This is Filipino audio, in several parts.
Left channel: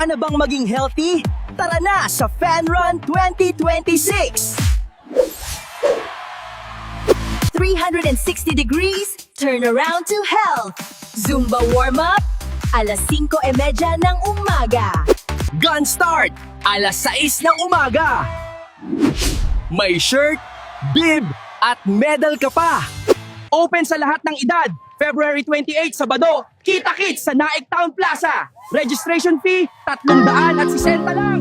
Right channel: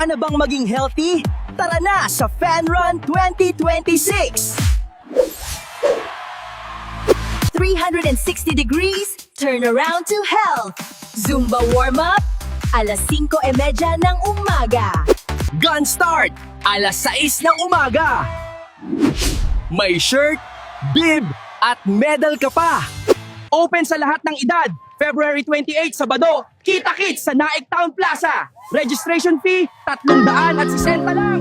ka na bang maging healthy? Tara na sa Fan Run 2026! 360 degrees, turn around to health. Zumba warm-up, alas 5:30 ng umaga. Gun start, alas 6 ng umaga. May shirt, bib, at medal ka pa. Open sa lahat ng edad. February 28, Sabado, kita-kits sa Naik Town Plaza. Registration fee, 360 lang.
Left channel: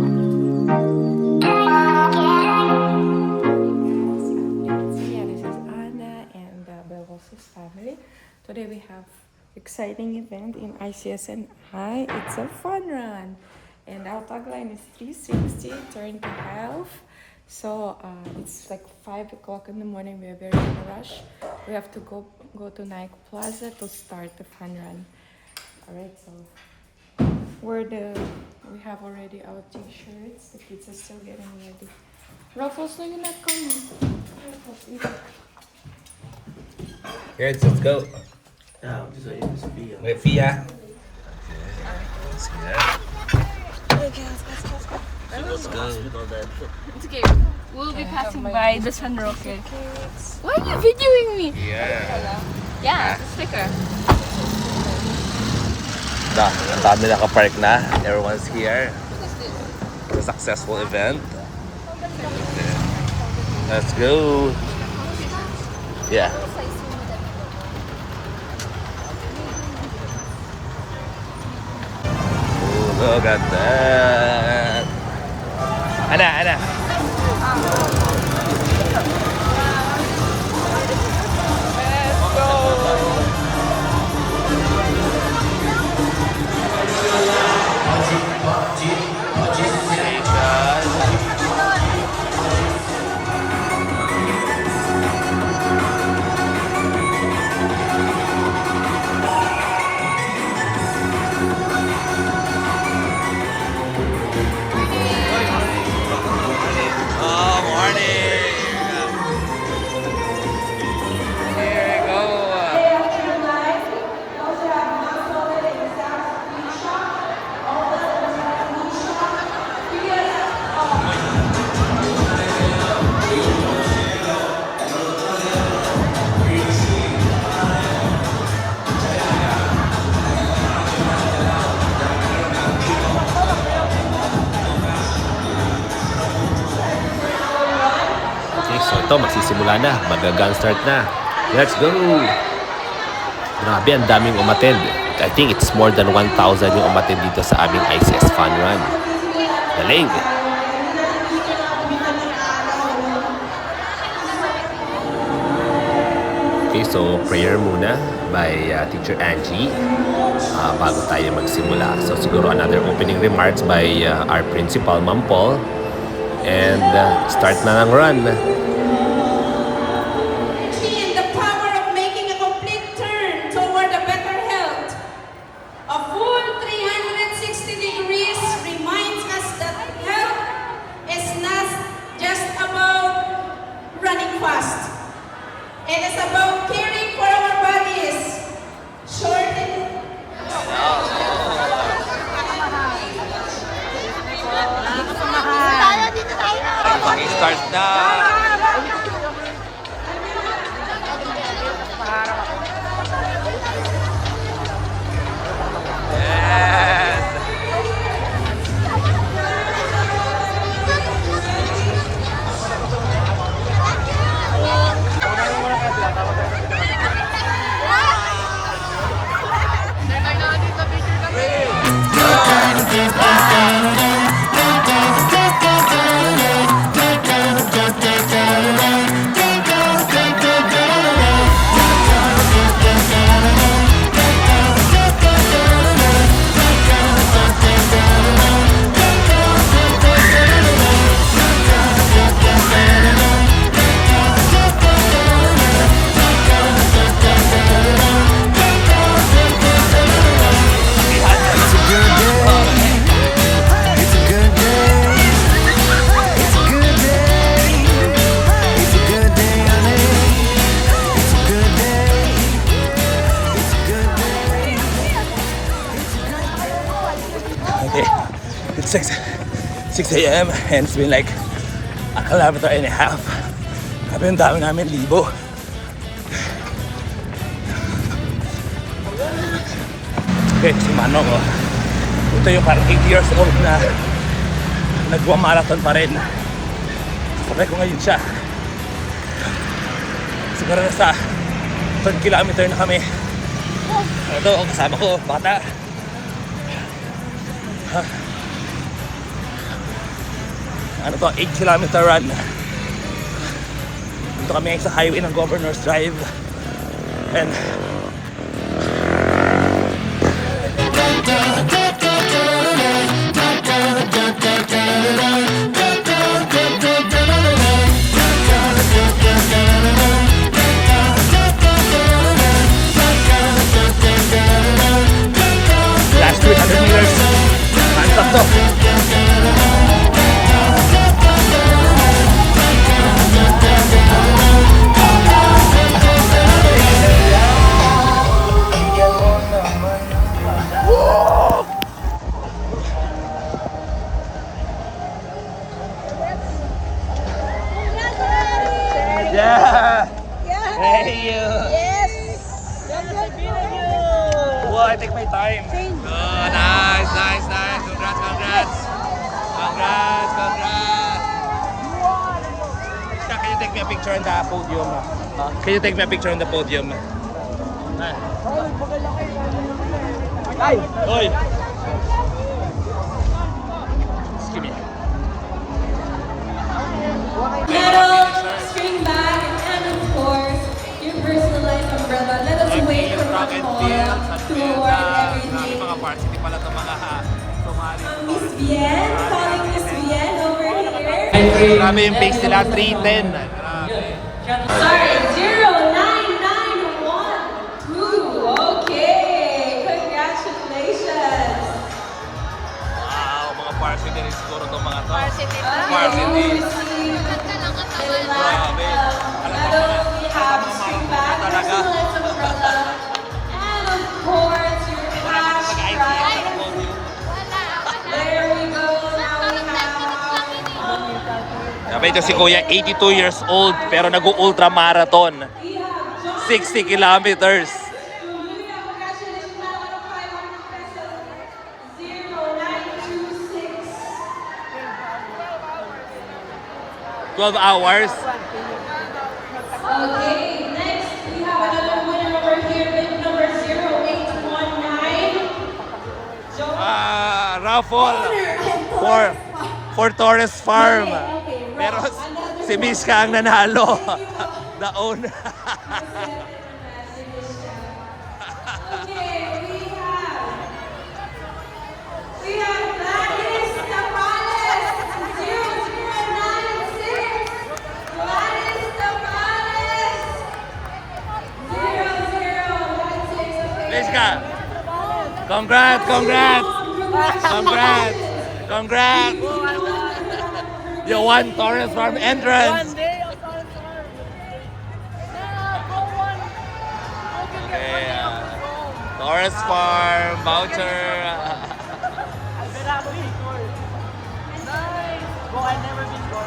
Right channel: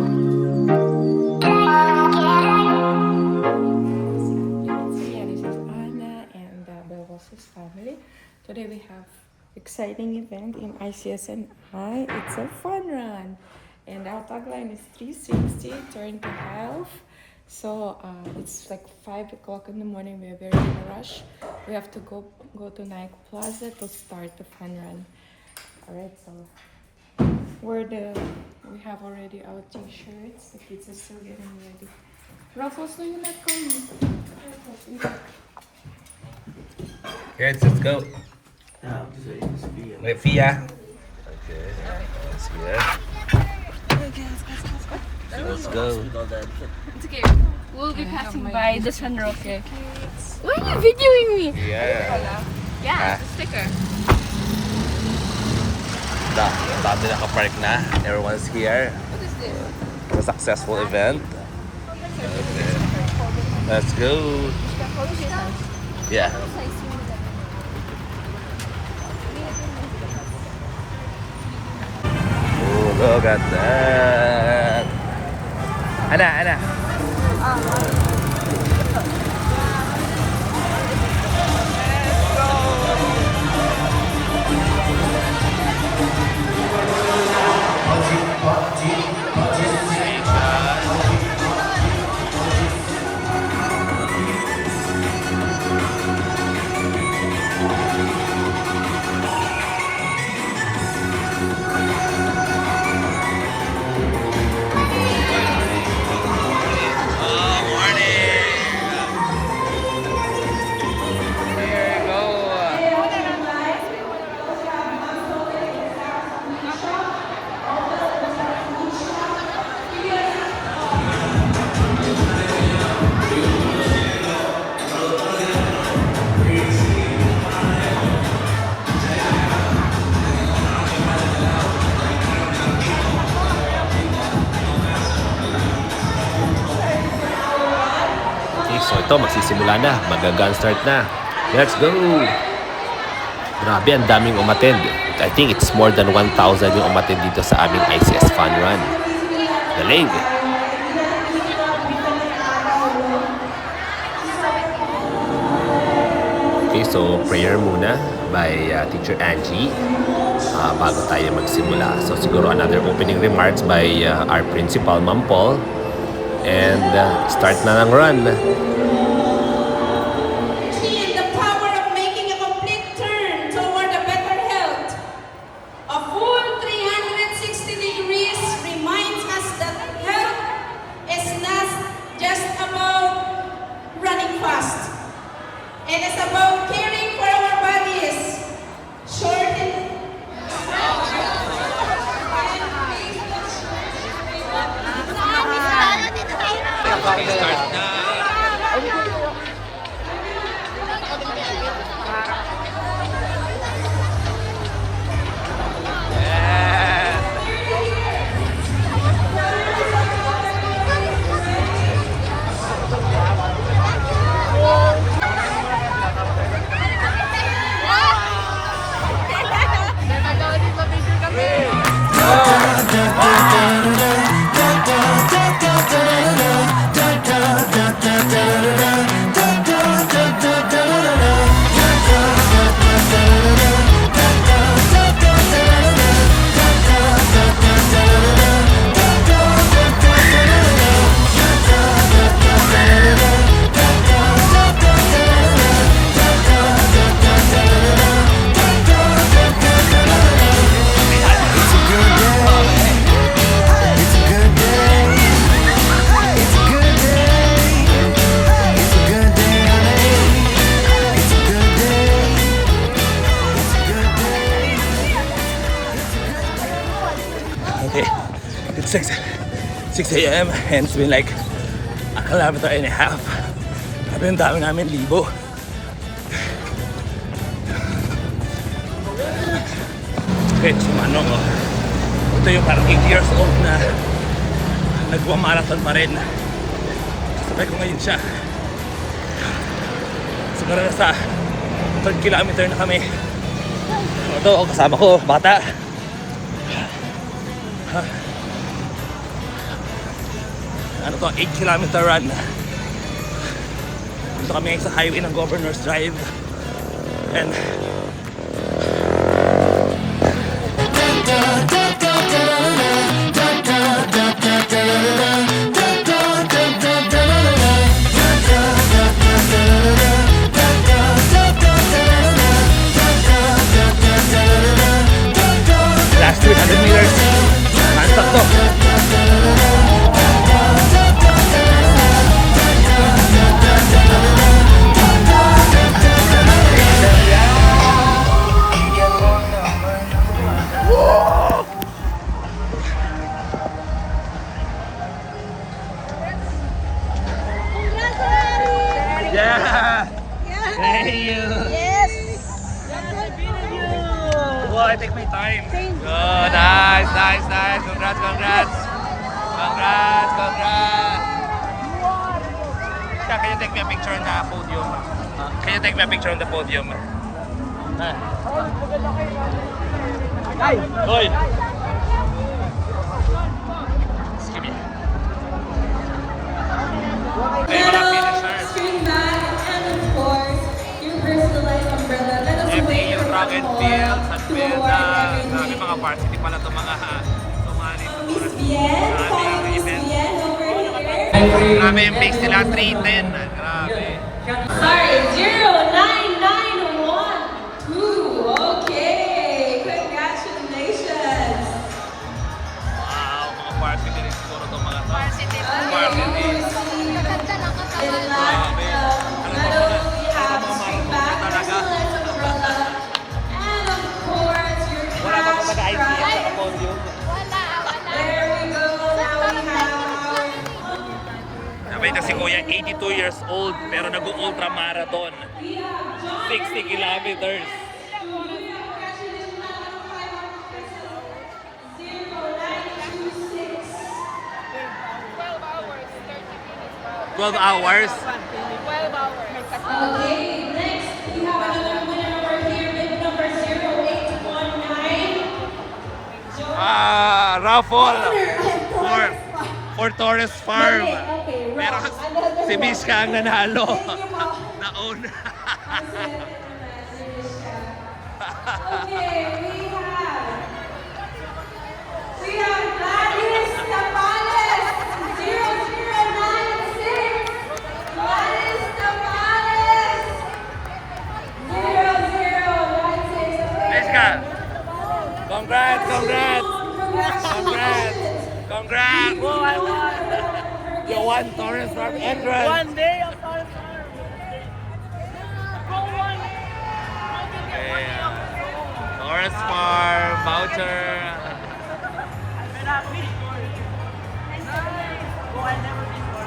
Yeah, this is Anna and the Belvosis family. Today we have exciting event in ICSNI. It's a fun run. And our tagline is 360, turn to health. So it's like 5 o'clock in the morning. We are very in a rush. We have to go to Nike Plaza to start the fun run. All right, so we have already our t-shirts. The kids are still getting ready. Ruffles, no, you're not coming. Here, let's go. Wait, Fia. Okay. Let's go. Let's go. It's okay. We'll be passing by the sunrock. Okay. Why are you videoing me? Yeah. Yeah, sticker. Ang dami nakapark na. Everyone's here. It's a successful event. Okay. Let's go. Yeah. Oh, look at that. Ana. Here we go. Okay, so ito magsisimula na, mag-gun start na. Let's go! Grabe, ang daming umattend. I think it's more than 1,000 yung umattend dito sa aming ICS Fun Run. Galing! Okay, so prayer muna by Teacher Angie bago tayo magsimula. So siguro another opening remarks by our principal, Ma'am Paul. And start na ng run. In the power of making a complete turn toward a better health. A full 360 degrees reminds us that health is not just about running fast. It is about caring for our bodies. Start na! Yes! It's 6 a.m. and it's been like a kilometer and a half. Sabi yung dami namin, libo. Okay, si Manong, oh. Ito yung parang 80 years old na nagwa-marathon pa rin. Sabay ko ngayon siya. Siguro na sa 3rd kilometer na kami. Ito, kasama ko, bata. Ano to, 8 kilometer run. Dito kami sa highway ng Governor's Drive. And last 300 meters, hands up to. Yeah! Thank you! Yes! Well, I take my time. Oh, nice, nice, nice. Congrats, congrats. Congrats, congrats. Can you take me a picture on the podium? Can you take me a picture on the podium? Hoy! Excuse me. Medal, string bag, and of course, your personalized umbrella. Let us wait for Rock and the Field, call San to Miguel, award grabe everything. mga varsity pala ito mga sumali. Miss Bien, calling Miss Bien over here. Grabe yung base nila, 310. Grabe. Sorry, 09912. Okay, congratulations. Wow, mga varsity rin siguro itong mga to. Okay, Varsity. you will receive Grabe. Ano ba mga marathon talaga? and of course, your Wala ba ito taga-ITF sa kapodium? there we go. Now we have Grabe ito si Kuya, 82 years old pero nag-ultra marathon. 60 kilometers. 12 hours. Okay, next we have another winner over here, bid number 0819. Raffle for Torres Farm. Okay, Pero si Miska ang nanalo. Naon. Okay, we have Gladys Tapales, 0096. Gladys Tapales, 0096. Miska. Congrats, congrats. Congrats. Congrats. You won Torres Farm entrance. One day of our farm. Yeah, go one. Yeah. Torres Farm voucher.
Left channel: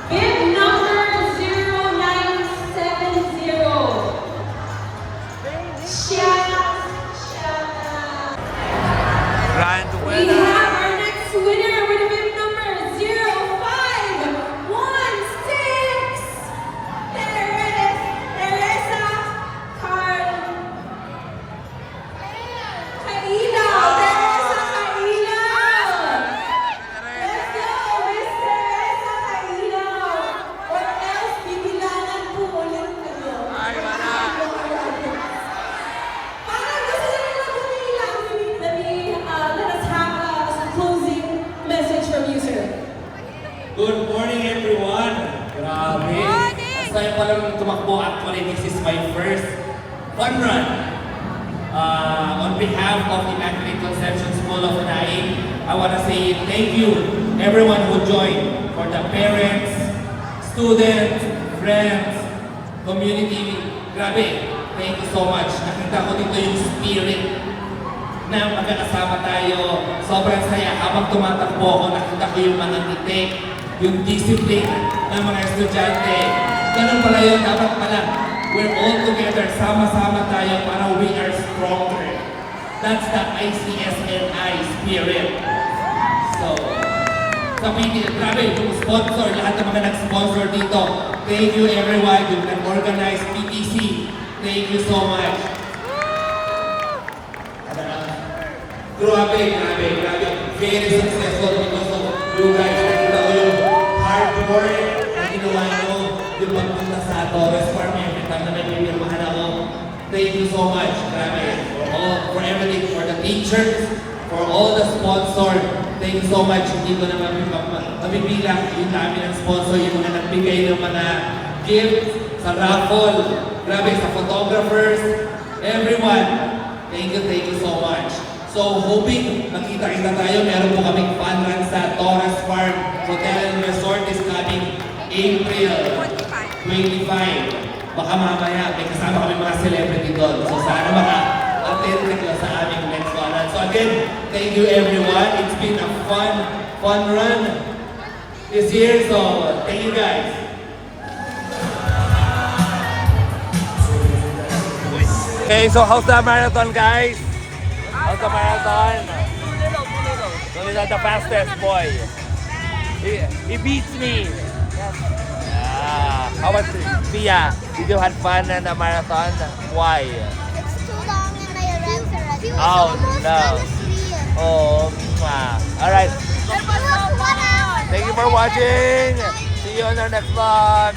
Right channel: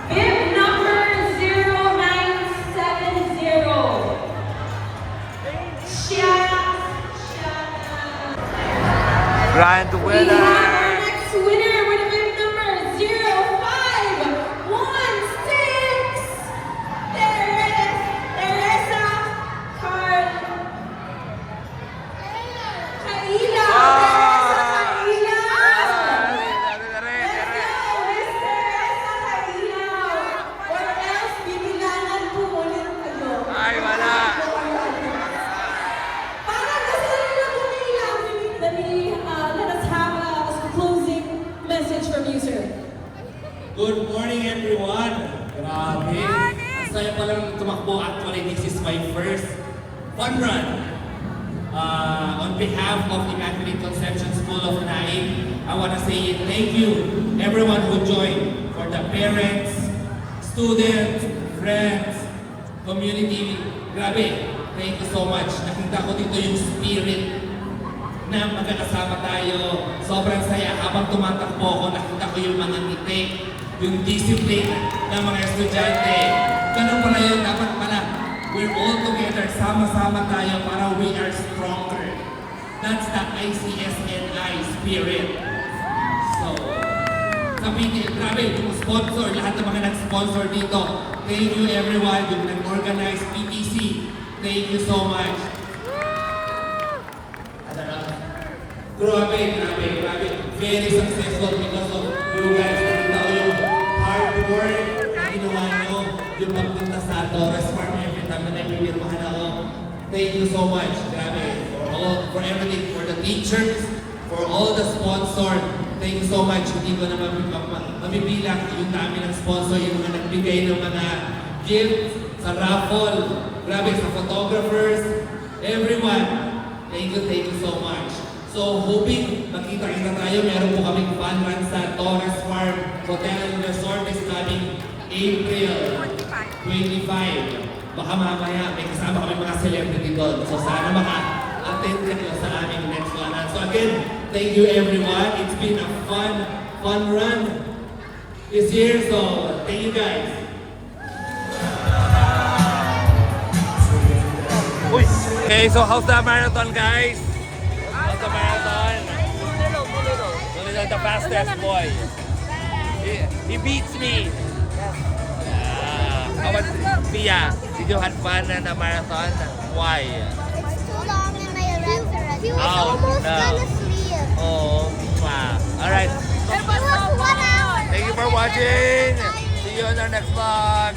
Bid number 0970. Grand We have winner. our next winner with bid number 0516. There it is. Teresa Carl. Kaila. Teresa Kaila. Miss Teresa Kaila. Or else, bibiganan po ulit kayo. Ay, wala. Parang gusto nila bumilang. Let us have a closing message from you, sir. Good morning, everyone. Grabe. Ang saya pa lang tumakbo. Actually, this is my first fun run. On behalf of Immaculate Conception School of Naik, I want to say thank you, everyone who joined, for the parents, students, friends, community. Grabe, thank you so much. Nakita ko dito yung spirit na magkakasama tayo. Sobrang saya. Habang tumatakbo ako, nakita ko yung mga ngiti, yung discipline ng mga estudyante. Ganun pala yun, dapat pala. We're all together, sama-sama tayo para we are stronger. That's the ICSNI spirit. So, sa PTL, grabe, yung sponsor, lahat ng mga nag-sponsor dito. Thank you everyone, yung nag-organize PTC. Thank you so much. Grabe. Very successful because of you guys. Nakita ko yung hard work na ginawa nyo, yung pagpunta sa Torres Farm, every time na nagpipirmahan ako. Thank you so much. Grabe. For everything, for the teachers, for all the sponsors. Thank you so much. Hindi ko na mabibilang yung dami ng sponsor, yung mga nagbigay ng mga gifts sa raffle. Grabe, sa photographers, everyone. Thank you so much. So, hoping makita-kita tayo. Meron po kaming fun run sa Torres Farm Hotel and Resort is coming April 25. Baka mamaya may kasama kami mga celebrity doon. So, sana maka-attend kayo sa aming next fun run. So, again, thank you everyone. It's been a fun run this year. So, thank you guys. Okay, so how's the marathon, guys? How's the marathon? Too little. The fastest boy. He beats me. Yes. How about Tia? Did you have fun in the marathon? Why? It's too long and my legs are red. He was Oh, almost no. Venezuelan. Oh, all right. It was 1 hour. Thank you for watching. See you in our next vlog.